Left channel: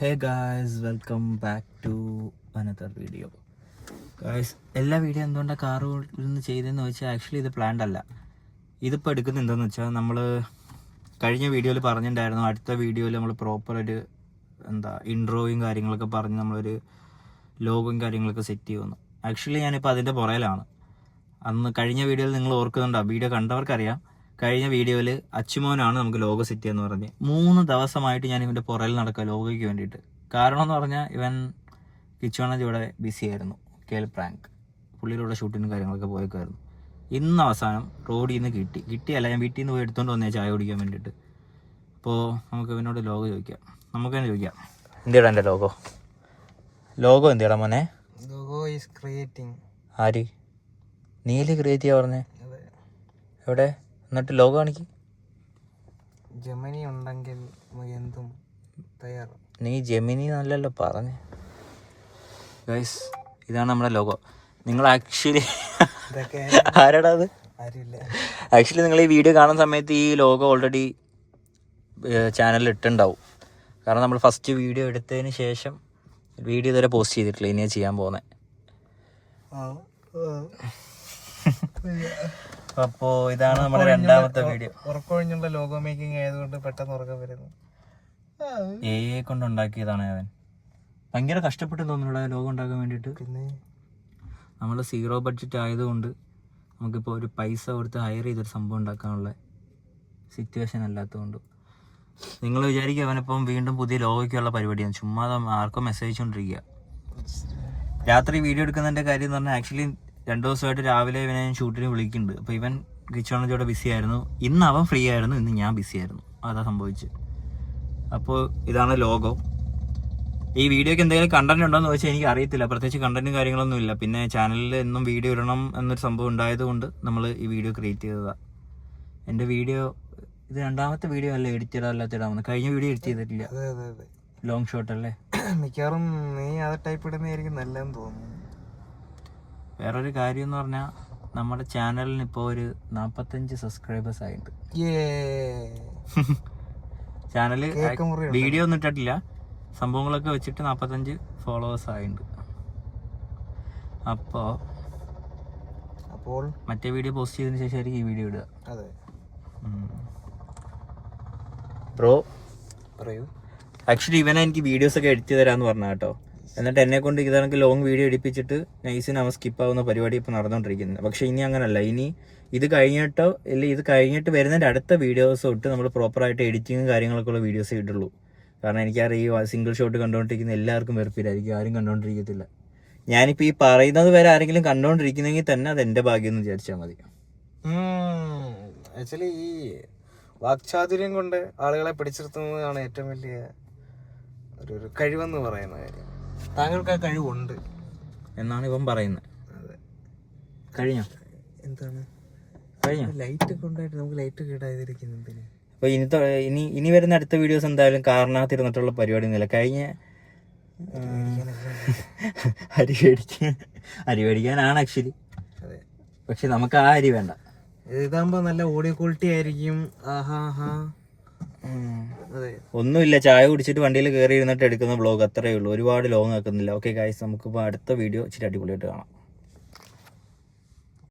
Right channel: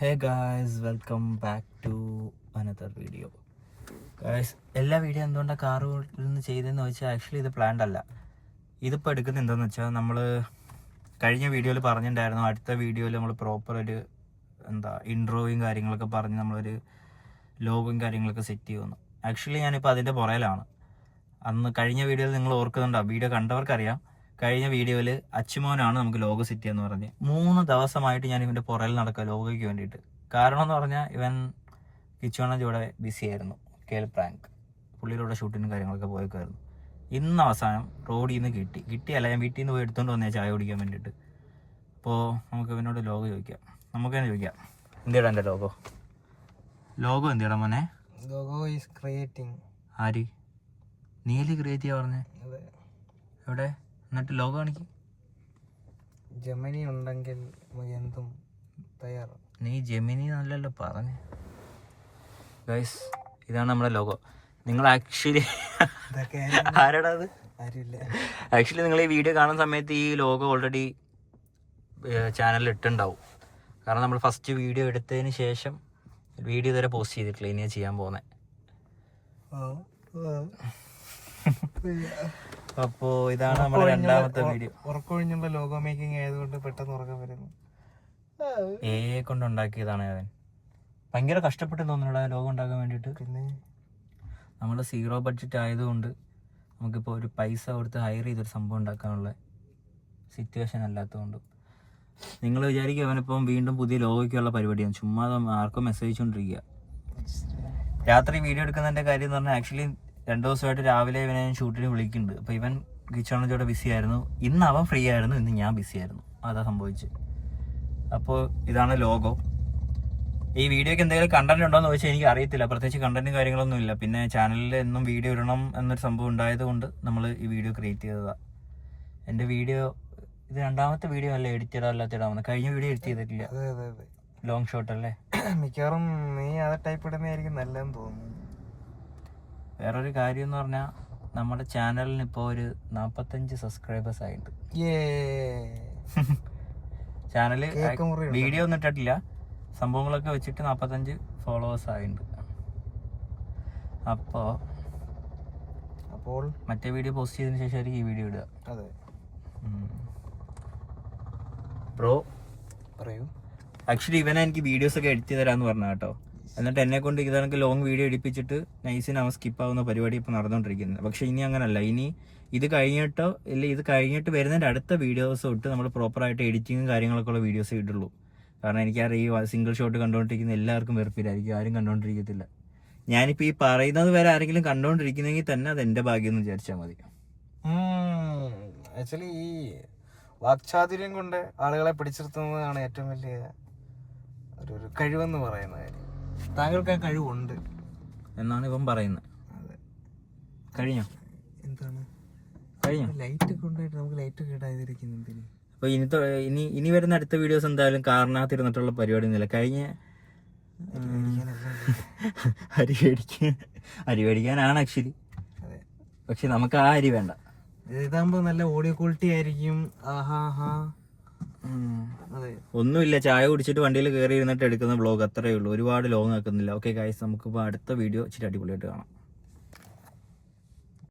Hey guys, welcome back to another video. Guys, എല്ലാ video എന്തുകൊണ്ടാണ് car നിന്ന് ചെയ്തതെന്ന് വെച്ചാൽ ആക്ച്വലി ഇത് പ്ലാൻഡ് അല്ല. ഇതിപ്പോൾ എടുക്കുന്നത് എന്താണെന്ന് വെച്ചാൽ നമ്മൾ കഴിഞ്ഞ വീഡിയോയിൽ പറഞ്ഞിട്ടുണ്ടായിരുന്നു, അടുത്ത വീഡിയോയിൽ നമ്മൾ പ്രോപ്പറൊരു ഇൻട്രോയും കാര്യങ്ങളൊക്കെ പറഞ്ഞ് നമ്മളൊരു ലോഗോയും കാര്യങ്ങളൊക്കെ സെറ്റ് ചെയ്യുമെന്ന്. ആക്ച്വലി ഞാനിപ്പോൾ അതിൻ്റെ പുറയിലാണ്. അന്ന് കഴിഞ്ഞ വീഡിയോയിൽ നിങ്ങൾ ഓർക്കുന്നുണ്ടാവും, വീഡിയോ കണ്ടവർക്കറിയാം. കഴിഞ്ഞ വീഡിയോയിൽ അച്ചുമോനാണ് നമുക്ക് ലോഗോ സെറ്റ് ചെയ്യാന്ന് പറഞ്ഞ് 3 ദിവസമായിട്ട് ഞാൻ ഇവൻ്റെ പുറയിൽ നടക്കുക ലോഗോയ്ക്ക് വേണ്ടിയിട്ട്. കാരണം എന്ന് പറഞ്ഞാൽ ഇവൻ കിച്ചുവണ്ണ ഇവിടെ ബിസി ആയിരുന്നു. കേൽ പ്രാങ്ക് പുള്ളിയിലൂടെ ഷൂട്ടിനും കാര്യങ്ങളൊക്കെ പോയേക്കായിരുന്നു. ഇന്ന് അവസാനം റോഡിൽ നിന്ന് കിട്ടിയല്ല, ഞാൻ വീട്ടിൽ നിന്ന് പോയി എടുത്തുകൊണ്ട് വന്നേ ചായ കുടിക്കാൻ വേണ്ടിയിട്ട്. അപ്പോൾ നമുക്ക് ഇവനോട് ലോഗോ ചോദിക്കാം. നമുക്ക് തന്നെ ചോദിക്കാം, എന്തിടാ എൻ്റെ ലോഗോ എന്തിടാ മോനെ? Logo is creating. ആര്? നീല് ക്രിയേറ്റ് ചെയ്യാ പറഞ്ഞേ? എവിടെ? എന്നിട്ട് ലോഗോ കാണിക്ക്. ജെമിനി ഉണ്ടെങ്കിൽ എന്തും തയ്യാറ്. നീ ജെമിനി നല്ലല്ലോ പറഞ്ഞേ. ഗൈസ്, ഇതാണ് നമ്മുടെ ലോഗോ. നിങ്ങൾ ആക്ച്വലി ആരാടാ അത്? ആക്ച്വലി നിങ്ങൾ ഈ വീഡിയോ കാണുന്ന സമയത്ത് ഈ ലോഗോ ഓൾറെഡി ചാനലിൽ ഇട്ടുണ്ടാവും. കാരണം നമ്മൾ ഫസ്റ്റ് വീഡിയോ എടുത്തതിന് ശേഷം വീഡിയോ ഇതുവരെ പോസ്റ്റ് ചെയ്തിട്ടില്ല, ഇനിയാണ് ചെയ്യാൻ പോകുന്നത്. അപ്പോൾ ഇതാണ് നമ്മുടെ രണ്ടാമത്തെ വീഡിയോ. ഉറക്കൊഴിഞ്ഞുള്ള ലോഗോ മേക്കിംഗ് ആയതുകൊണ്ട് പെട്ടെന്ന് ഉറക്കം വരുന്നു. കൊണ്ട് ഉണ്ടാക്കിയതാണ് അവൻ. ഭയങ്കര കഷ്ടപ്പെട്ടു തോന്നുന്നു ലോഗോ ഉണ്ടാക്കാൻ വേണ്ടിയിട്ട്. പിന്നെ നമ്മൾ 0 ബഡ്ജറ്റ് ആയതുകൊണ്ട് നമുക്കിപ്പോൾ ഒരു പൈസ കൊടുത്ത് ഹയർ ചെയ്തൊരു സംഭവം ഉണ്ടാക്കാനുള്ള സിറ്റുവേഷൻ അല്ലാത്തതുകൊണ്ട് നിങ്ങൾ വിചാരിക്കും അവനിപ്പം വീണ്ടും പുതിയ ലോഗോയ്ക്കുള്ള പരിപാടിയാണ്. ചുമ്മാ ആർക്കും മെസ്സേജ് കൊണ്ടിരിക്കുക. രാത്രി വീഡിയോ എടുക്കുന്നതിൻ്റെ കാര്യം എന്ന് പറഞ്ഞാൽ ആക്ച്വലി 2 ദിവസമായിട്ട് രാവിലെ ഇവനെ ഞാൻ ഷൂട്ടിന് വിളിക്കുന്നുണ്ട്. അപ്പോൾ ഇവൻ കിച്ചണിലൂടെ ബിസി ആയിരുന്നു. ഇന്ന് അവൻ ഫ്രീ ആയിരുന്നു, ഇന്ന് ഞാൻ ബിസി ആയിരുന്നു. അതാ സംഭവിച്ചത്. അപ്പോൾ ഇതാണ് ലോഗോ. ഈ വീഡിയോക്ക് എന്തെങ്കിലും കണ്ടന്റ് ഉണ്ടോയെന്ന് ചോദിച്ചാൽ എനിക്ക് അറിയത്തില്ല. പ്രത്യേകിച്ച് കണ്ടന്റും കാര്യങ്ങളൊന്നും ഇല്ല. പിന്നെ ചാനലിൽ എന്നും വീഡിയോ ഇടണം എന്നൊരു സംഭവം ഉണ്ടായതുകൊണ്ട് നമ്മൾ ഈ വീഡിയോ ക്രിയേറ്റ് ചെയ്തതാണ്. എൻ്റെ വീഡിയോ ഇത് 2ാമത്തെ വീഡിയോ അല്ല എഡിറ്റ് അല്ലാത്തിടാമെന്ന്. കഴിഞ്ഞ വീഡിയോ എഡിറ്റ് ചെയ്തിട്ടില്ല. ലോങ് ഷോട്ട് അല്ലേ? മിക്കവാറും നീ അത് ടൈപ്പ് ഇടുന്നതായിരിക്കും നല്ലതെന്ന് തോന്നുന്നു. വേറൊരു കാര്യം എന്ന് പറഞ്ഞാൽ നമ്മുടെ ചാനലിന് ഇപ്പോൾ ഒരു 45 സബ്സ്ക്രൈബേഴ്സ് ആയിട്ടുണ്ട്. ചാനല് വീഡിയോ ഒന്നും ഇട്ടിട്ടില്ല, സംഭവങ്ങളൊക്കെ വെച്ചിട്ട് 45 ഫോളോവേഴ്സ് ആയിട്ടുണ്ട്. അപ്പോൾ മറ്റേ വീഡിയോ പോസ്റ്റ് ചെയ്തതിന് ശേഷമായിരിക്കും ഈ വീഡിയോ ഇടുക. അതെ ബ്രോ പറയൂ. ആക്ച്വലി ഇവനെ എനിക്ക് വീഡിയോസൊക്കെ എഡിറ്റ് തരാമെന്ന് പറഞ്ഞു കേട്ടോ. എന്നിട്ട് എന്നെ കൊണ്ട് ഇതൊക്കെ ലോങ് വീഡിയോ എടുപ്പിച്ചിട്ട് നൈസിന് അവൻ സ്കിപ്പാവുന്ന പരിപാടി ഇപ്പോൾ നടന്നുകൊണ്ടിരിക്കുന്നത്. പക്ഷേ ഇനി അങ്ങനല്ല. ഇനി ഇത് കഴിഞ്ഞിട്ടോ ഇല്ല, ഇത് കഴിഞ്ഞിട്ട് വരുന്നതിൻ്റെ അടുത്ത വീഡിയോസ് തൊട്ട് നമ്മൾ പ്രോപ്പറായിട്ട് എഡിറ്റിങ്ങും കാര്യങ്ങളൊക്കെ ഉള്ള വീഡിയോസ് ഇടുള്ളൂ. കാരണം എനിക്കറിയാം സിംഗിൾ ഷോട്ട് കണ്ടുകൊണ്ടിരിക്കുന്ന എല്ലാവർക്കും വെറുപ്പില്ലായിരിക്കും, ആരും കണ്ടുകൊണ്ടിരിക്കത്തില്ല. ഞാനിപ്പോൾ ഈ പറയുന്നത് വരെ ആരെങ്കിലും കണ്ടുകൊണ്ടിരിക്കുന്നെങ്കിൽ തന്നെ അത് എൻ്റെ ഭാഗ്യം എന്ന് വിചാരിച്ചാൽ മതി. ആക്ച്വലി ഈ വാക്ചാതുര്യം കൊണ്ട് ആളുകളെ പിടിച്ചിർത്തുന്നതാണ് ഏറ്റവും വലിയ ഒരു കഴിവെന്ന് പറയുന്ന കാര്യം. താങ്കൾക്ക് ആ കഴിവുണ്ട് എന്നാണ് ഇവൻ പറയുന്നത്. കഴിഞ്ഞോ? എന്താണ് കഴിഞ്ഞോ? ലൈറ്റ് ഒക്കെ ഉണ്ടായിട്ട് നമുക്ക് ലൈറ്റ് കേടായിരിക്കുന്നതിന്. അപ്പോൾ ഇനി വരുന്ന അടുത്ത വീഡിയോസ് എന്തായാലും കാറിനകത്തിരുന്നിട്ടുള്ള പരിപാടി ഒന്നുമില്ല. കഴിഞ്ഞ അരി മേടിക്കാനാണ് ആക്ച്വലി. പക്ഷെ നമുക്ക് ആ അരി വേണ്ട. ഇതാകുമ്പോ നല്ല ഓഡിയോ ക്വാളിറ്റി ആയിരിക്കും. ഒന്നുമില്ല, ചായ കുടിച്ചിട്ട് വണ്ടിയിൽ കയറി ഇരുന്നിട്ട് എടുക്കുന്ന വ്ളോഗ് അത്രയേ ഉള്ളൂ. ഒരുപാട് ലോങ് ആക്കുന്നില്ല. ഓക്കെ ഗൈസ്, നമുക്കിപ്പോൾ അടുത്ത വീഡിയോ ഇച്ചിരി അടിപൊളിയായിട്ട് കാണാം.